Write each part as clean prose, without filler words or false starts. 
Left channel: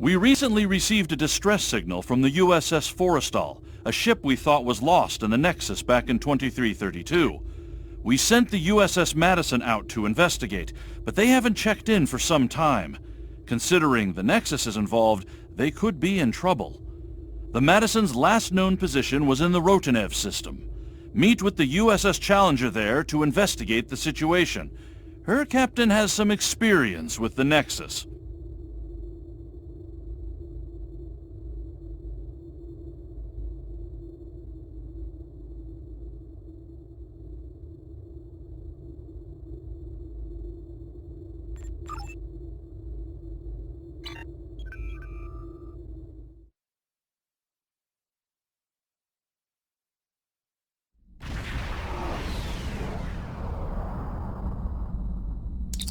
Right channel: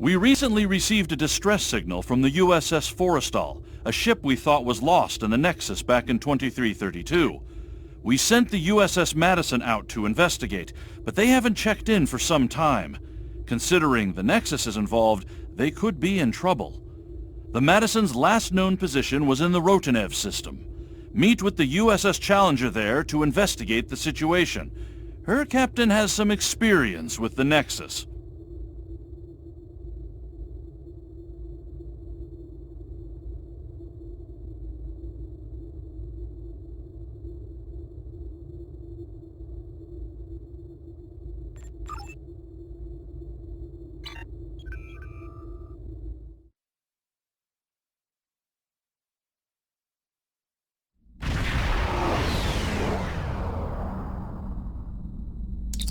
We recently received a distress signal from the USS Forrestal, a ship we thought was lost in the Nexus back in 2332. We sent the USS Madison out to investigate, but they haven't checked in for some time. Considering the Nexus is involved, they could be in trouble. The Madison's last known position was in the Rotanev system. Meet with the USS Challenger there to investigate the situation. Her captain has some experience with the Nexus.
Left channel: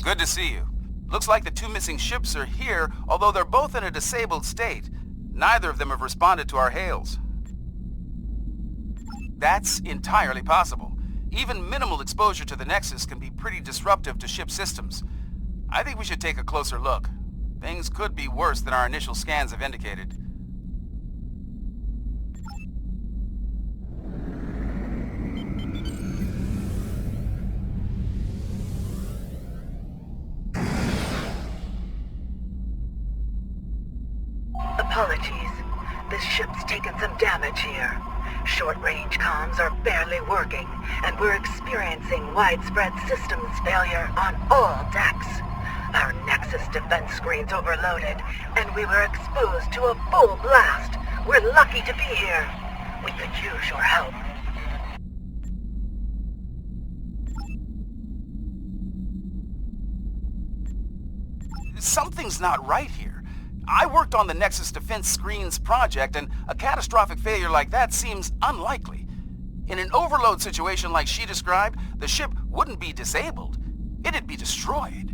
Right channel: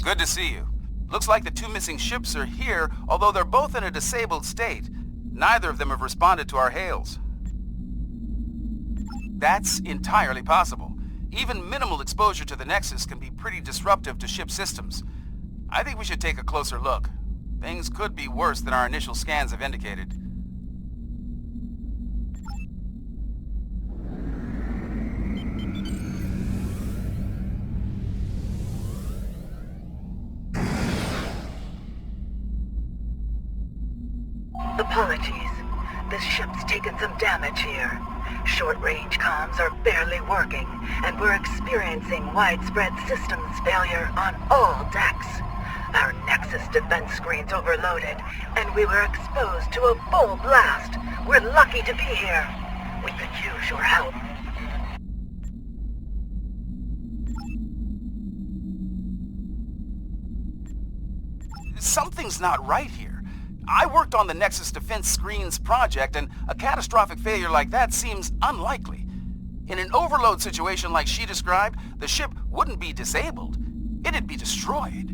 Good to see you. Looks like the two missing ships are here, although they're both in a disabled state. Neither of them have responded to our hails. That's entirely possible. Even minimal exposure to the Nexus can be pretty disruptive to ship systems. I think we should take a closer look. Things could be worse than our initial scans have indicated. Apologies. This ship's taken some damage here. Short-range comms are barely working, and we're experiencing widespread systems failure on all decks. Our Nexus defense screen's overloaded, and we were exposed to a full blast. We're lucky to be here. We could use your help. Something's not right here. I worked on the Nexus Defense Screens project, and a catastrophic failure like that seems unlikely. In an overload situation like she described, the ship wouldn't be disabled. It'd be destroyed.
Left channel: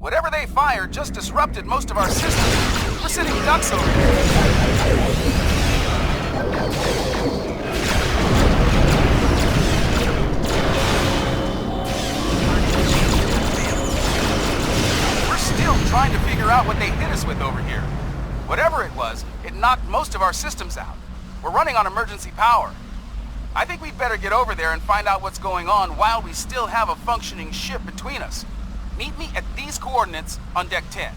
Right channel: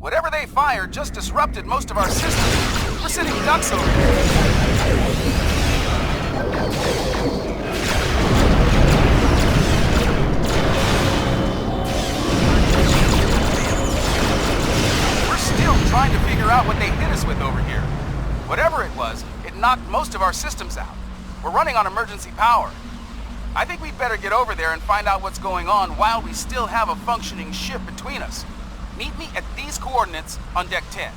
Whatever they fired just disrupted most of our systems. We're sitting ducks over here. We're still trying to figure out what they hit us with over here. Whatever it was, it knocked most of our systems out. We're running on emergency power. I think we'd better get over there and find out what's going on while we still have a functioning ship between us. Meet me at these coordinates on Deck 10.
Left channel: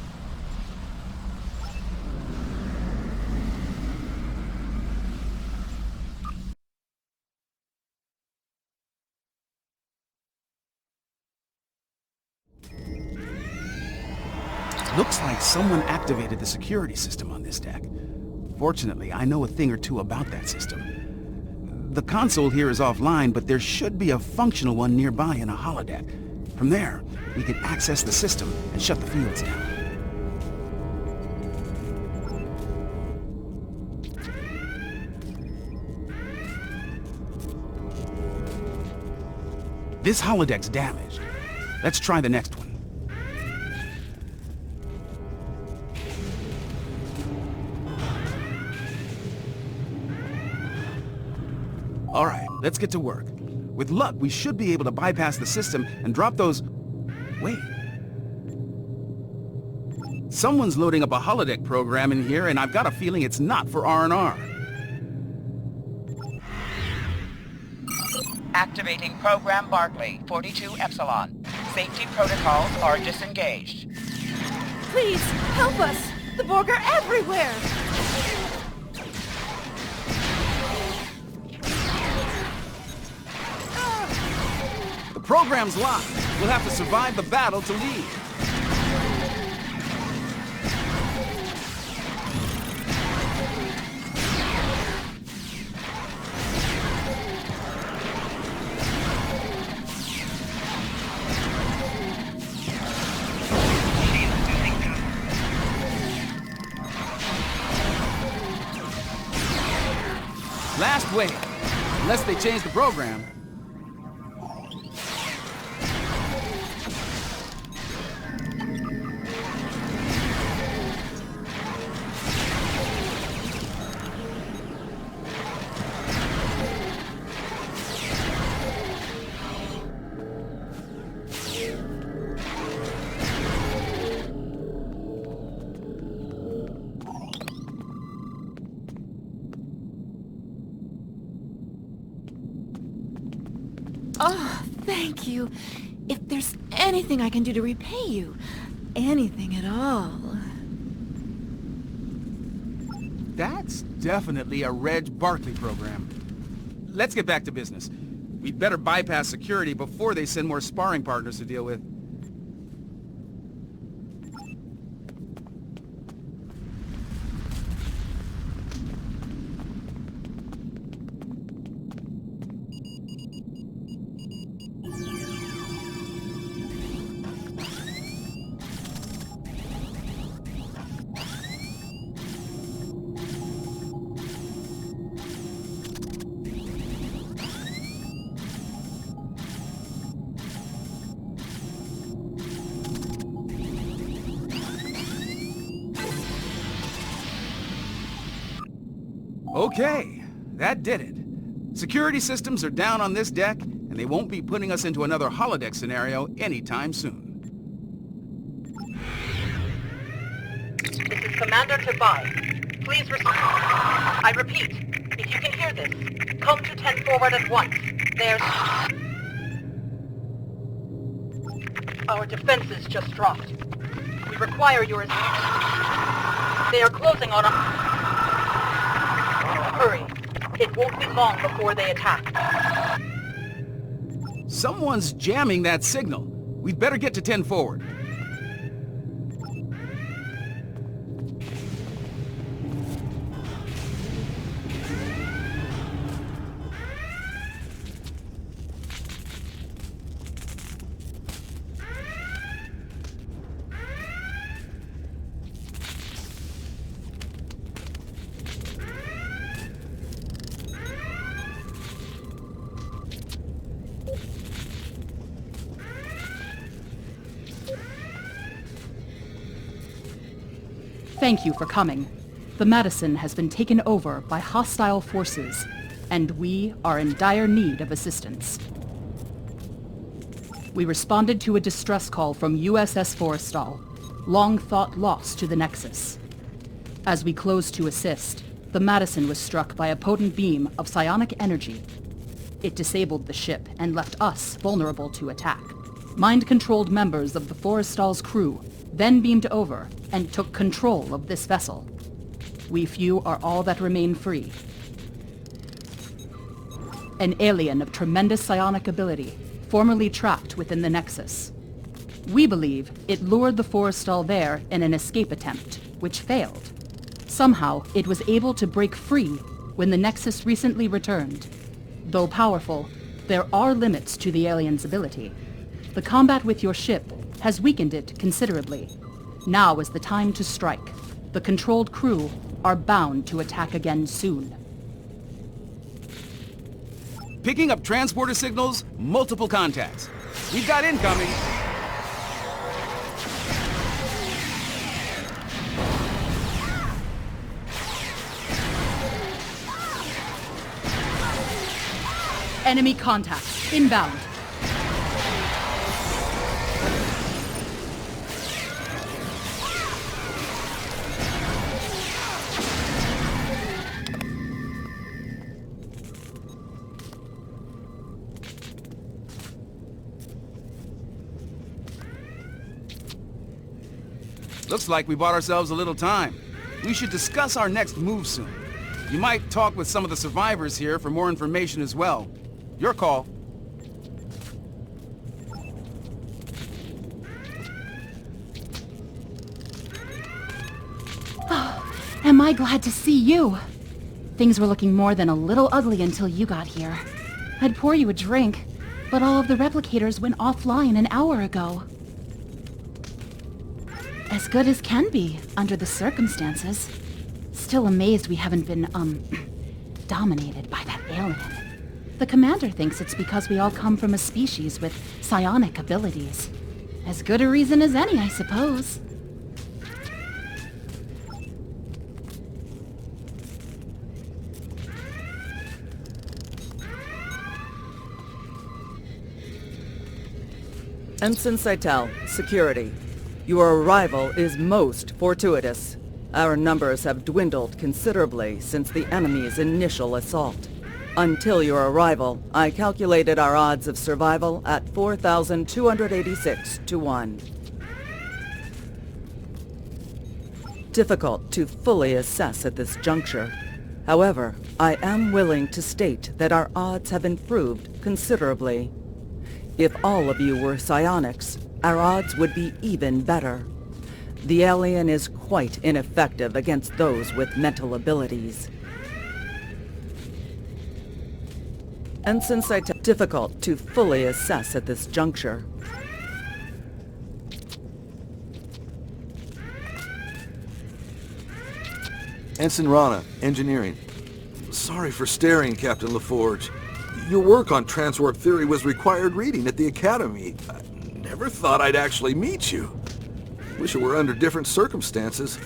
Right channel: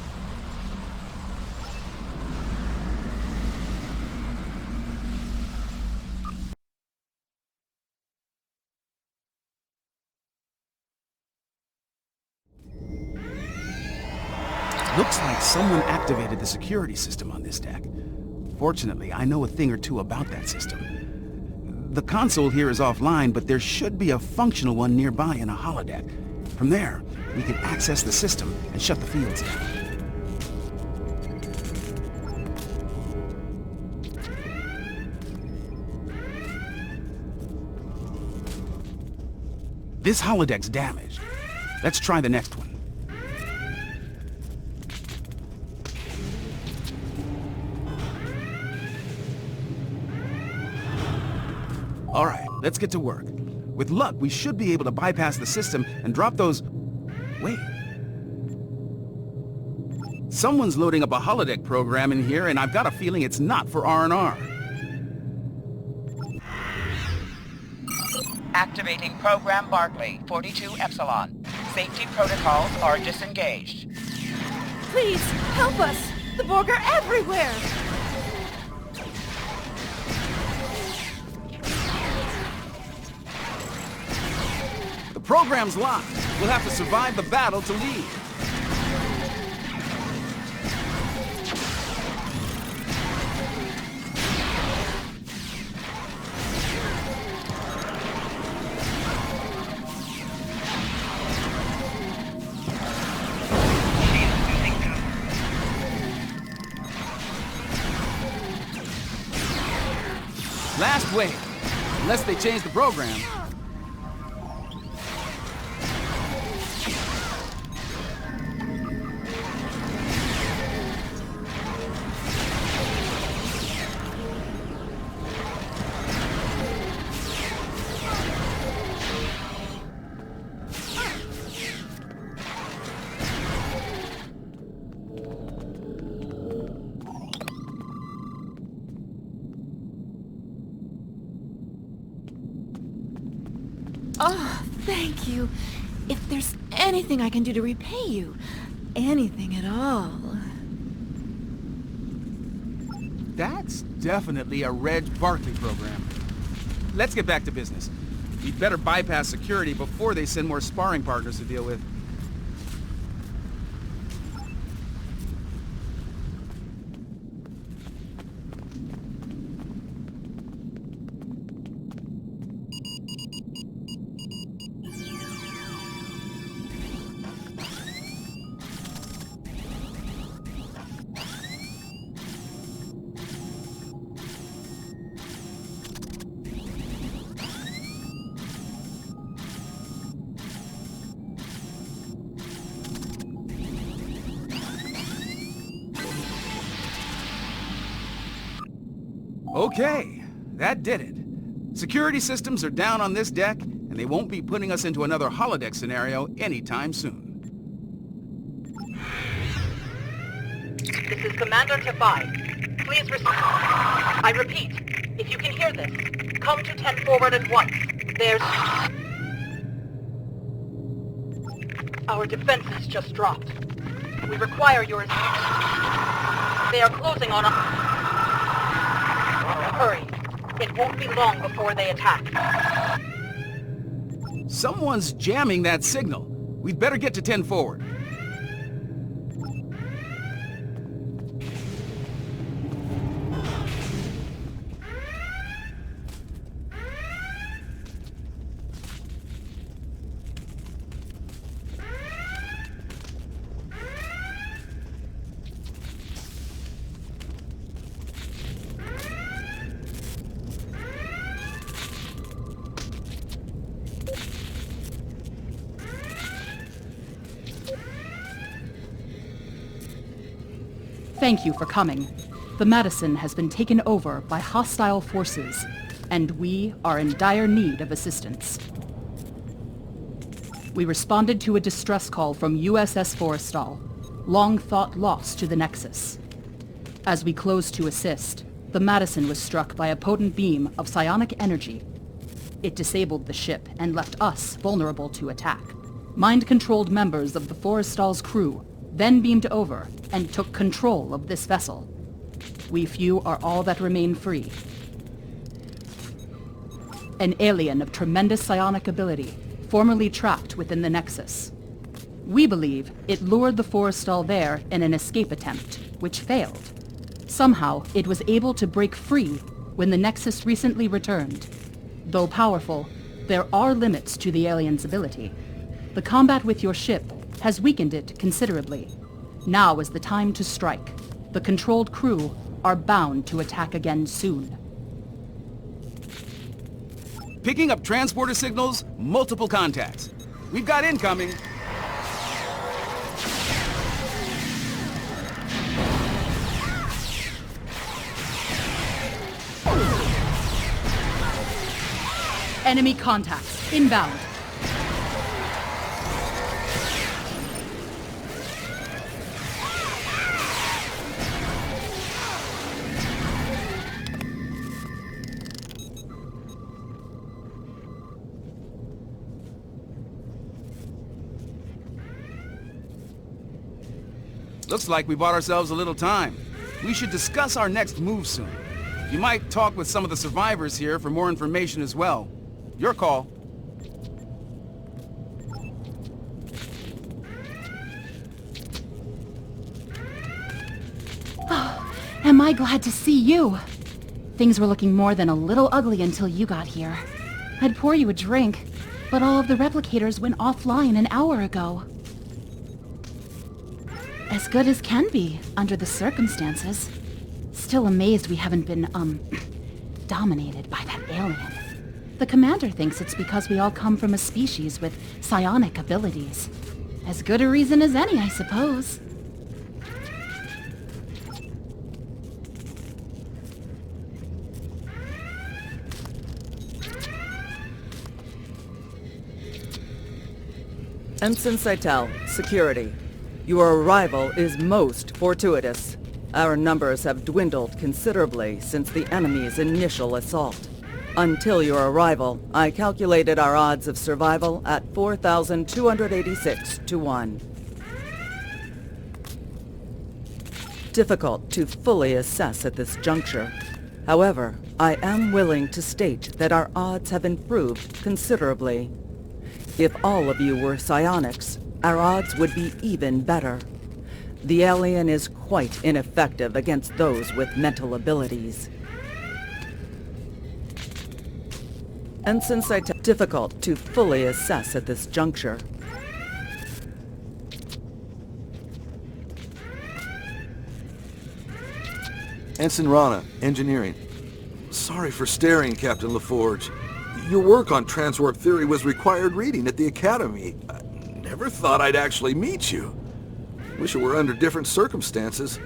Looks like someone activated the security system on this deck. Fortunately, I know a thing or two about that system. The console here is offline, but there should be a functional one nearby in a holodeck. From there, we can access the system and shut the fields down. This holodeck's damaged. Let's try the next one. All right, let's get to work. With luck, we should be able to bypass the system and drop those... Wait. Someone's loading up a holodeck program in here, and I've got a feeling it's not for R&R. Activating Program Barclay, 42 Epsilon. Safety protocols are disengaged. Please, help us! The Borg are everywhere! The program's locked. We'll have to survive the battle to leave. Last wave. Unless they change the program. Oh, thank you. If there's anything I can do to repay you, anything at all. That's definitely a Reg Barkley program. Let's get back to business. We'd better bypass security before they send more sparring partners to deal with. Okay, that did it. Security systems are down on this deck, and they won't be putting us into another holodeck scenario anytime soon. This is Commander Tobai. Please I repeat, if you can hear this, come to 10 forward at once. There's... Our defenses just dropped. We require your... They are closing on us. Hurry. It won't be long before they attack. Someone's jamming that signal. We'd better get to 10 forward. Thank you for coming. The Madison has been taken over by hostile forces, and we are in dire need of assistance. We responded to a distress call from USS Forrestal, long thought lost to the Nexus. As we closed to assist, the Madison was struck by a potent beam of psionic energy. It disabled the ship and left us vulnerable to attack. Mind-controlled members of the Forrestal's crew then beamed over and took control of this vessel. We few are all that remain free. An alien of tremendous psionic ability, formerly trapped within the Nexus. We believe it lured the Forrestal there in an escape attempt, which failed. Somehow, it was able to break free when the Nexus recently returned. Though powerful, there are limits to the alien's ability. The combat with your ship has weakened it considerably. Now is the time to strike. The controlled crew are bound to attack again soon. Picking up transporter signals, multiple contacts. We've got incoming. Enemy contacts inbound. Looks like we bought ourselves a little time. We should discuss our next move soon. You might talk with some of the survivors here for more information as well. Your call. Oh, am I glad to see you. Things were looking more than a little ugly until you got here. I'd pour you a drink, but all of the replicators went offline an hour ago. As good as can be, under the circumstances. Still amazed we haven't been, dominated by that alien. The commander thinks it's because we all come from a species with psionic abilities. As good a reason as any, I suppose. Ensign Seitel, security. Your arrival is most fortuitous. Our numbers have dwindled considerably since the enemy's initial assault. Until your arrival, I calculated our odds of survival at 4,286 to 1. Difficult to fully assess at this juncture. However, I am willing to state that our odds have improved considerably. If all of you were psionics, our odds would be even better. The alien is quite ineffective against those with mental abilities. Ensign Seitel, difficult to fully assess at this juncture. Ensign Rana, engineering. Sorry for staring, Captain La Forge. Your work on transwarp theory was required reading at the Academy. I never thought I'd actually meet you. Wish it were under different circumstances.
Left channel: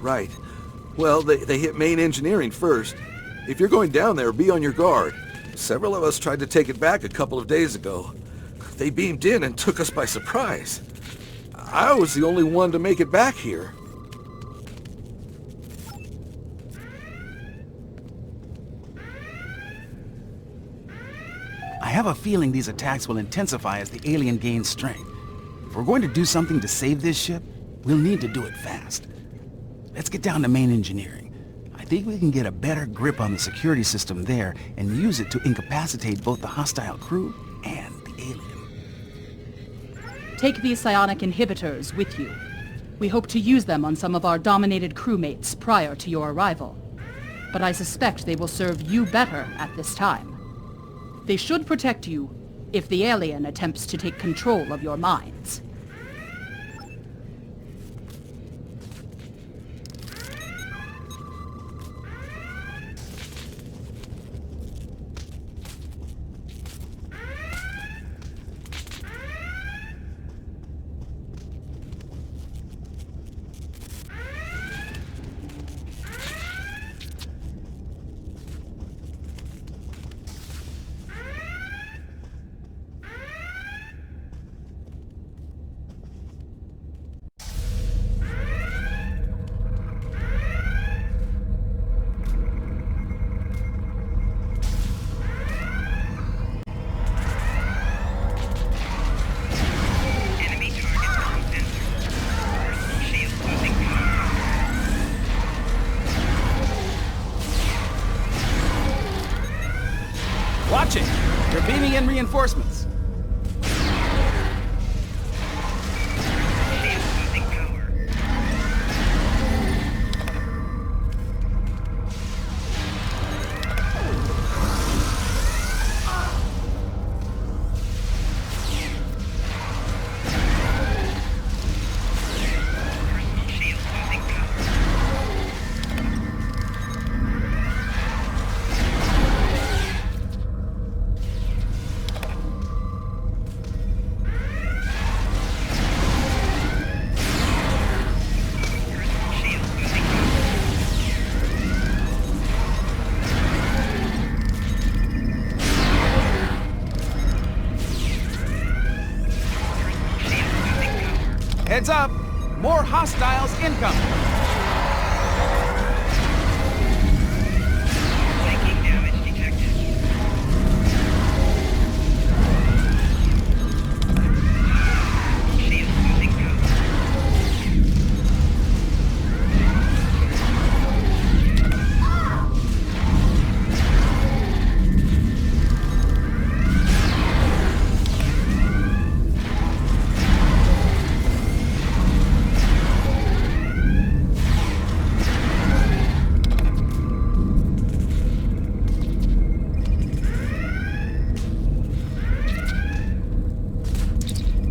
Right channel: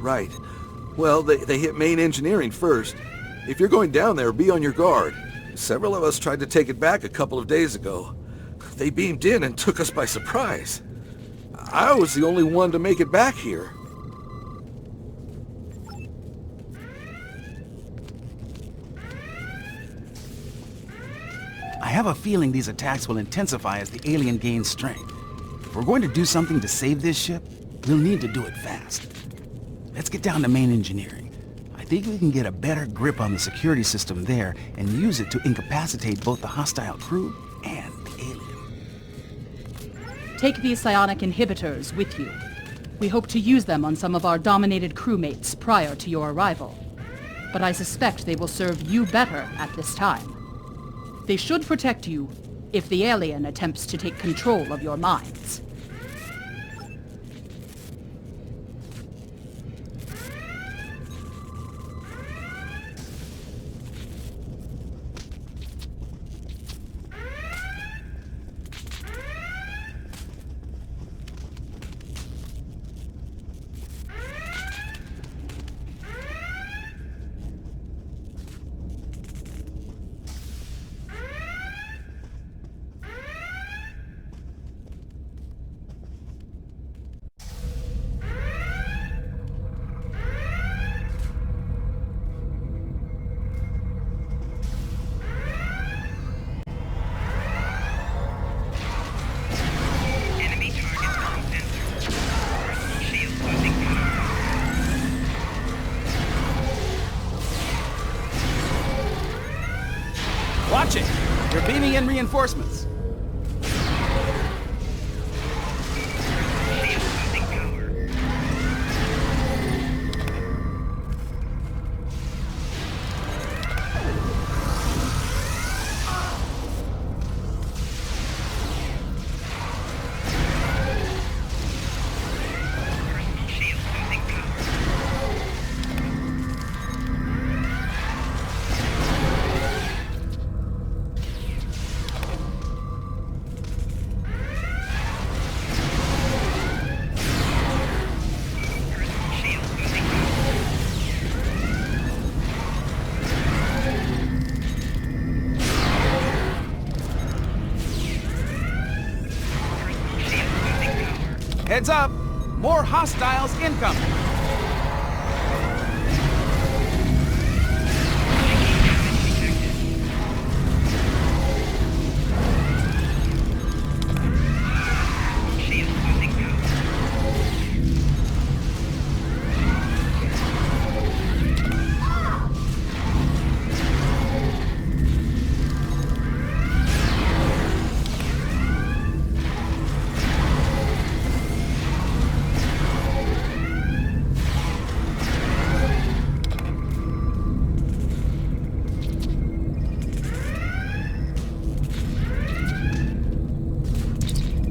Right. Well, they hit main engineering first. If you're going down there, be on your guard. Several of us tried to take it back a couple of days ago. They beamed in and took us by surprise. I was the only one to make it back here. I have a feeling these attacks will intensify as the alien gains strength. If we're going to do something to save this ship, we'll need to do it fast. Let's get down to main engineering. I think we can get a better grip on the security system there and use it to incapacitate both the hostile crew and the alien. Take these psionic inhibitors with you. We hope to use them on some of our dominated crewmates prior to your arrival. But I suspect they will serve you better at this time. They should protect you if the alien attempts to take control of your minds. Watch it! They're beaming in reinforcements. Heads up! More hostiles incoming!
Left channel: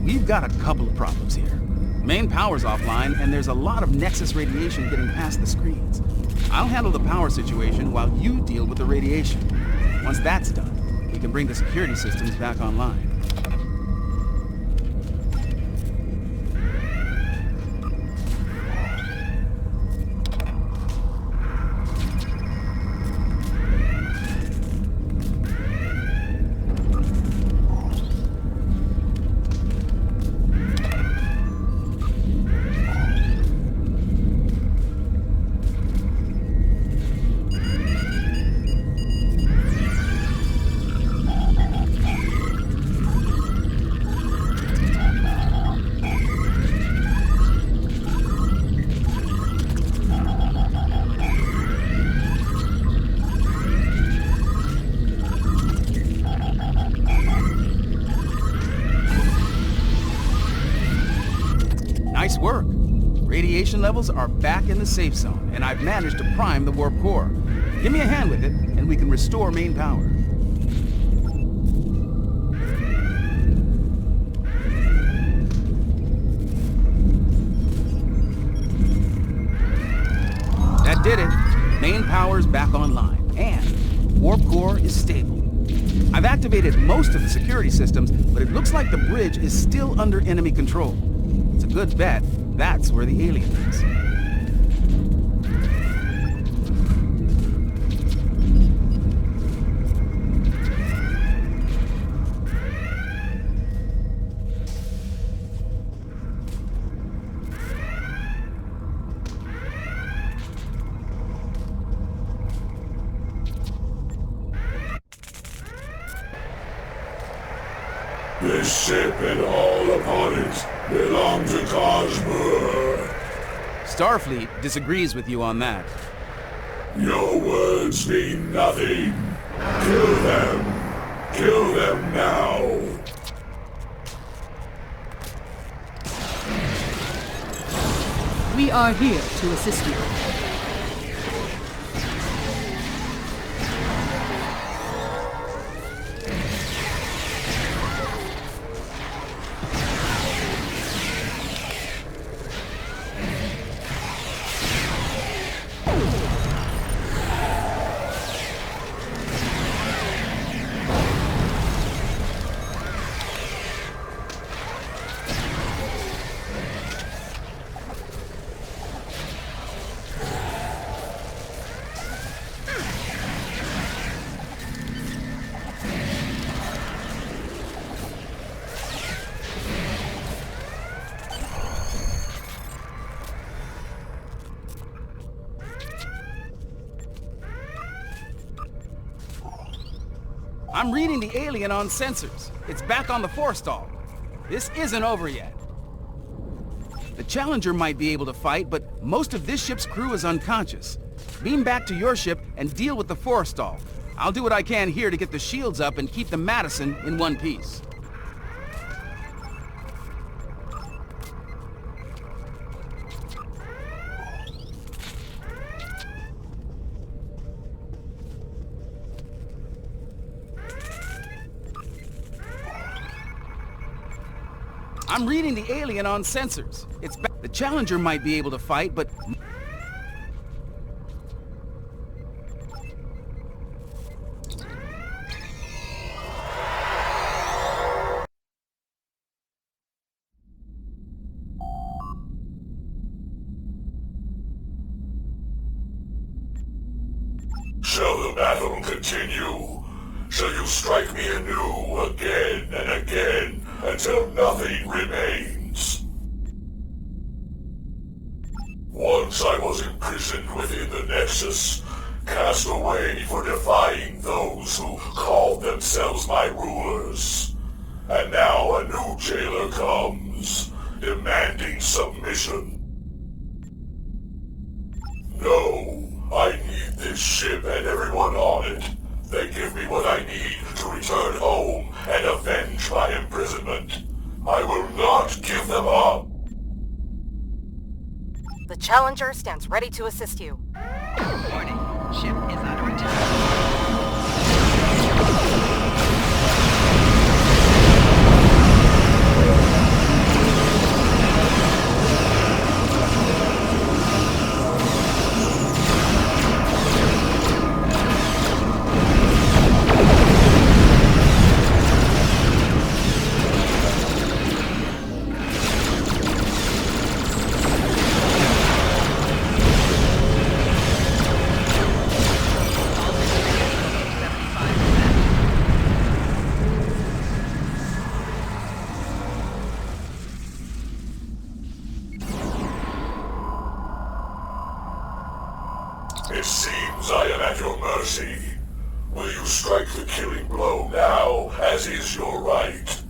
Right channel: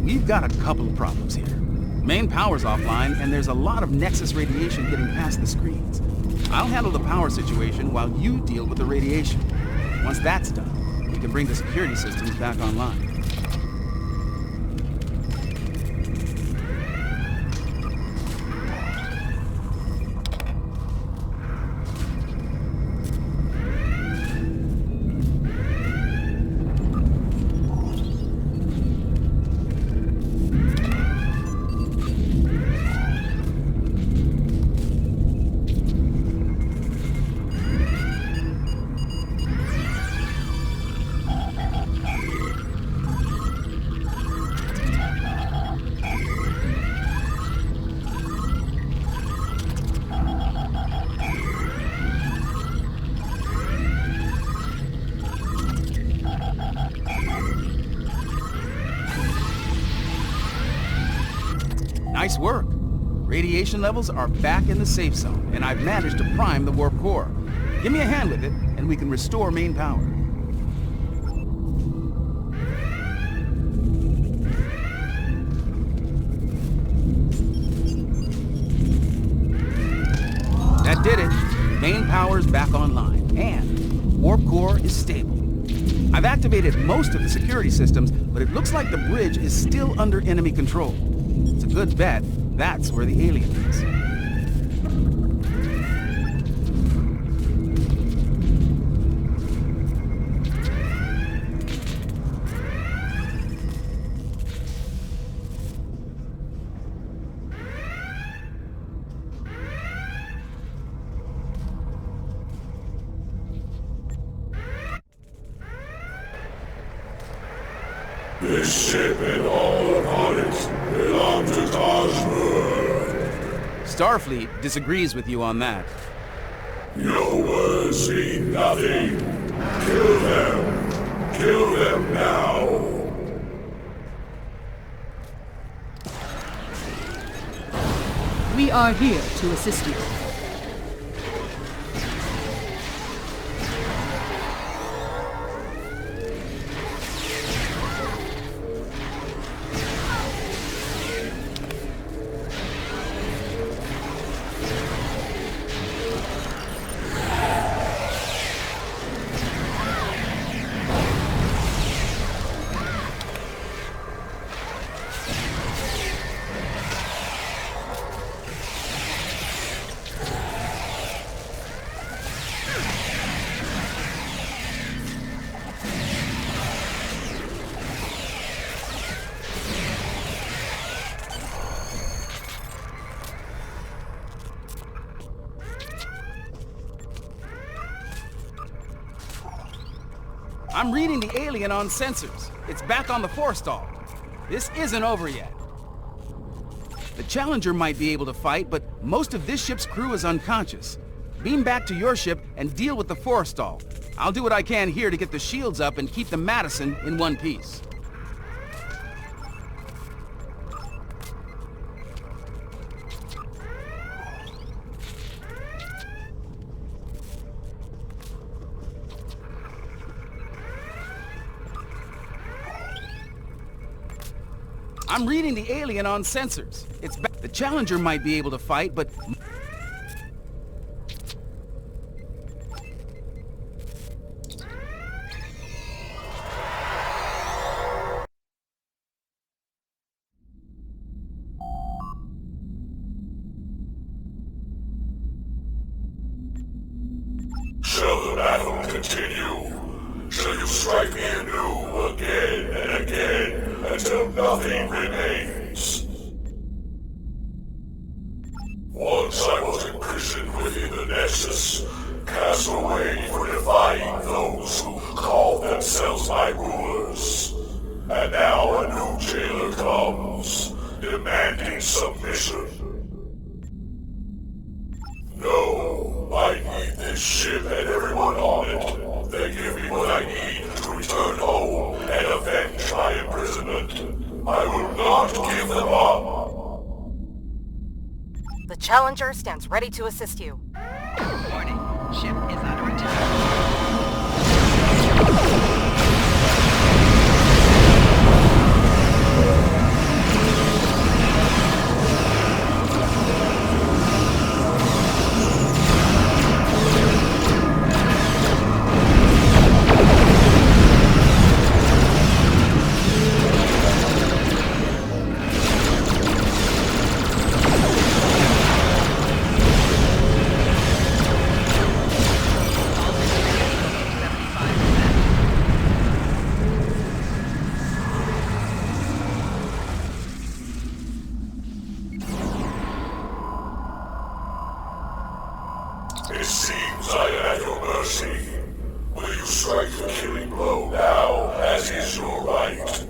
We've got a couple of problems here. Main power's offline, and there's a lot of Nexus radiation getting past the screens. I'll handle the power situation while you deal with the radiation. Once that's done, we can bring the security systems back online. Nice work. Radiation levels are back in the safe zone, and I've managed to prime the warp core. Give me a hand with it, and we can restore main power. That did it. Main power's back online, and warp core is stable. I've activated most of the security systems, but it looks like the bridge is still under enemy control. It's a good bet that's where the alien is. This ship and all upon it belong to Cosmo. Starfleet disagrees with you on that. Your words mean nothing. Kill them. Kill them now. We are here to assist you. I'm reading the alien on sensors. It's back on the forestall. This isn't over yet. The Challenger might be able to fight, but most of this ship's crew is unconscious. Beam back to your ship and deal with the forestall. I'll do what I can here to get the shields up and keep the Madison in one piece. I'm reading the alien on sensors. The Challenger might be able to fight, but... Shall the battle continue? Shall you strike me anew again and again until nothing remains? Once I was imprisoned within the Nexus, cast away for defying those who called themselves my rulers. And now a new jailer comes, demanding submission. No, I need this ship and everyone on it. They give me what I need to return home and avenge my imprisonment. I will not give them up. The Challenger stands ready to assist you. Warning. Ship is under attack. seems I am at your mercy. Will you strike the killing blow now, as is your right?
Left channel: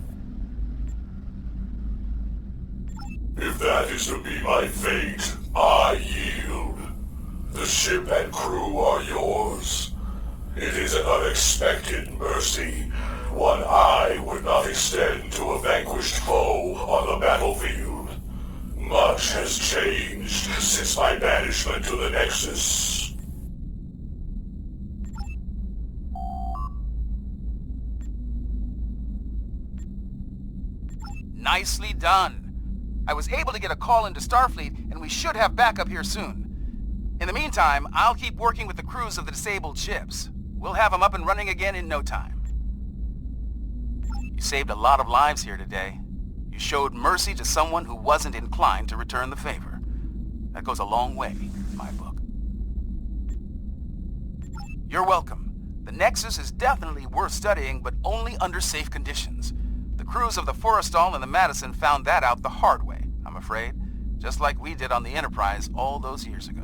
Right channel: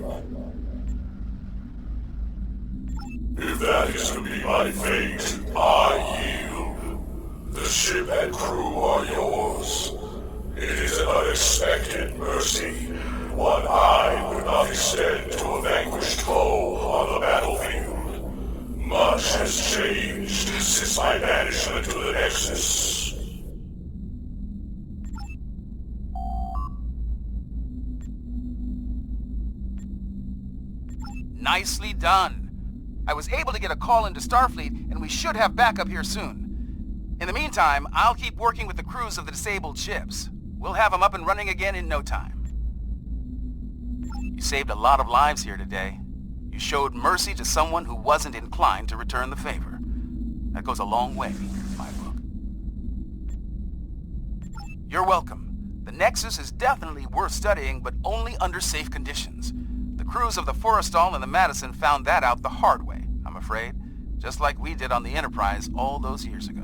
If that is to be my fate, I yield. The ship and crew are yours. It is an unexpected mercy, one I would not extend to a vanquished foe on the battlefield. Much has changed since my banishment to the Nexus. Nicely done. I was able to get a call into Starfleet, and we should have backup here soon. In the meantime, I'll keep working with the crews of the disabled ships. We'll have them up and running again in no time. You saved a lot of lives here today. You showed mercy to someone who wasn't inclined to return the favor. That goes a long way in my book. You're welcome. The Nexus is definitely worth studying, but only under safe conditions. The crews of the Forrestal and the Madison found that out the hard way, I'm afraid. Just like we did on the Enterprise all those years ago.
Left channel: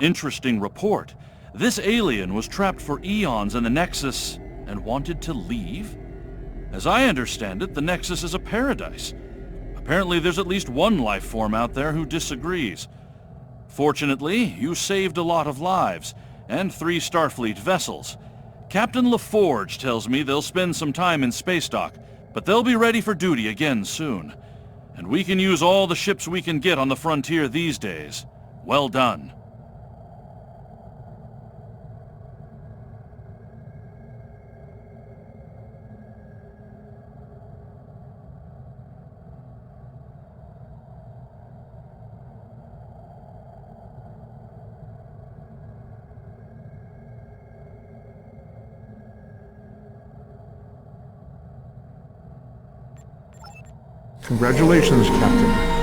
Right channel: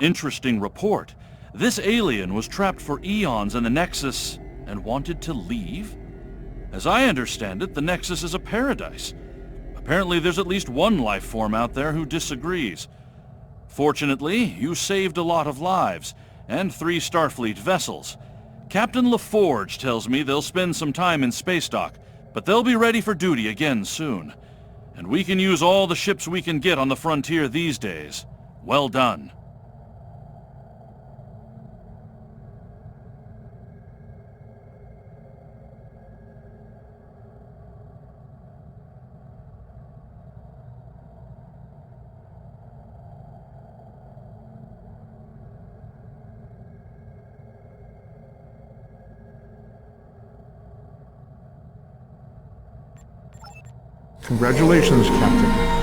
Interesting report. This alien was trapped for eons in the Nexus and wanted to leave? As I understand it, the Nexus is a paradise. Apparently there's at least one life form out there who disagrees. Fortunately, you saved a lot of lives, and 3 Starfleet vessels. Captain La Forge tells me they'll spend some time in space dock, but they'll be ready for duty again soon. And we can use all the ships we can get on the frontier these days. Well done. Congratulations, Captain.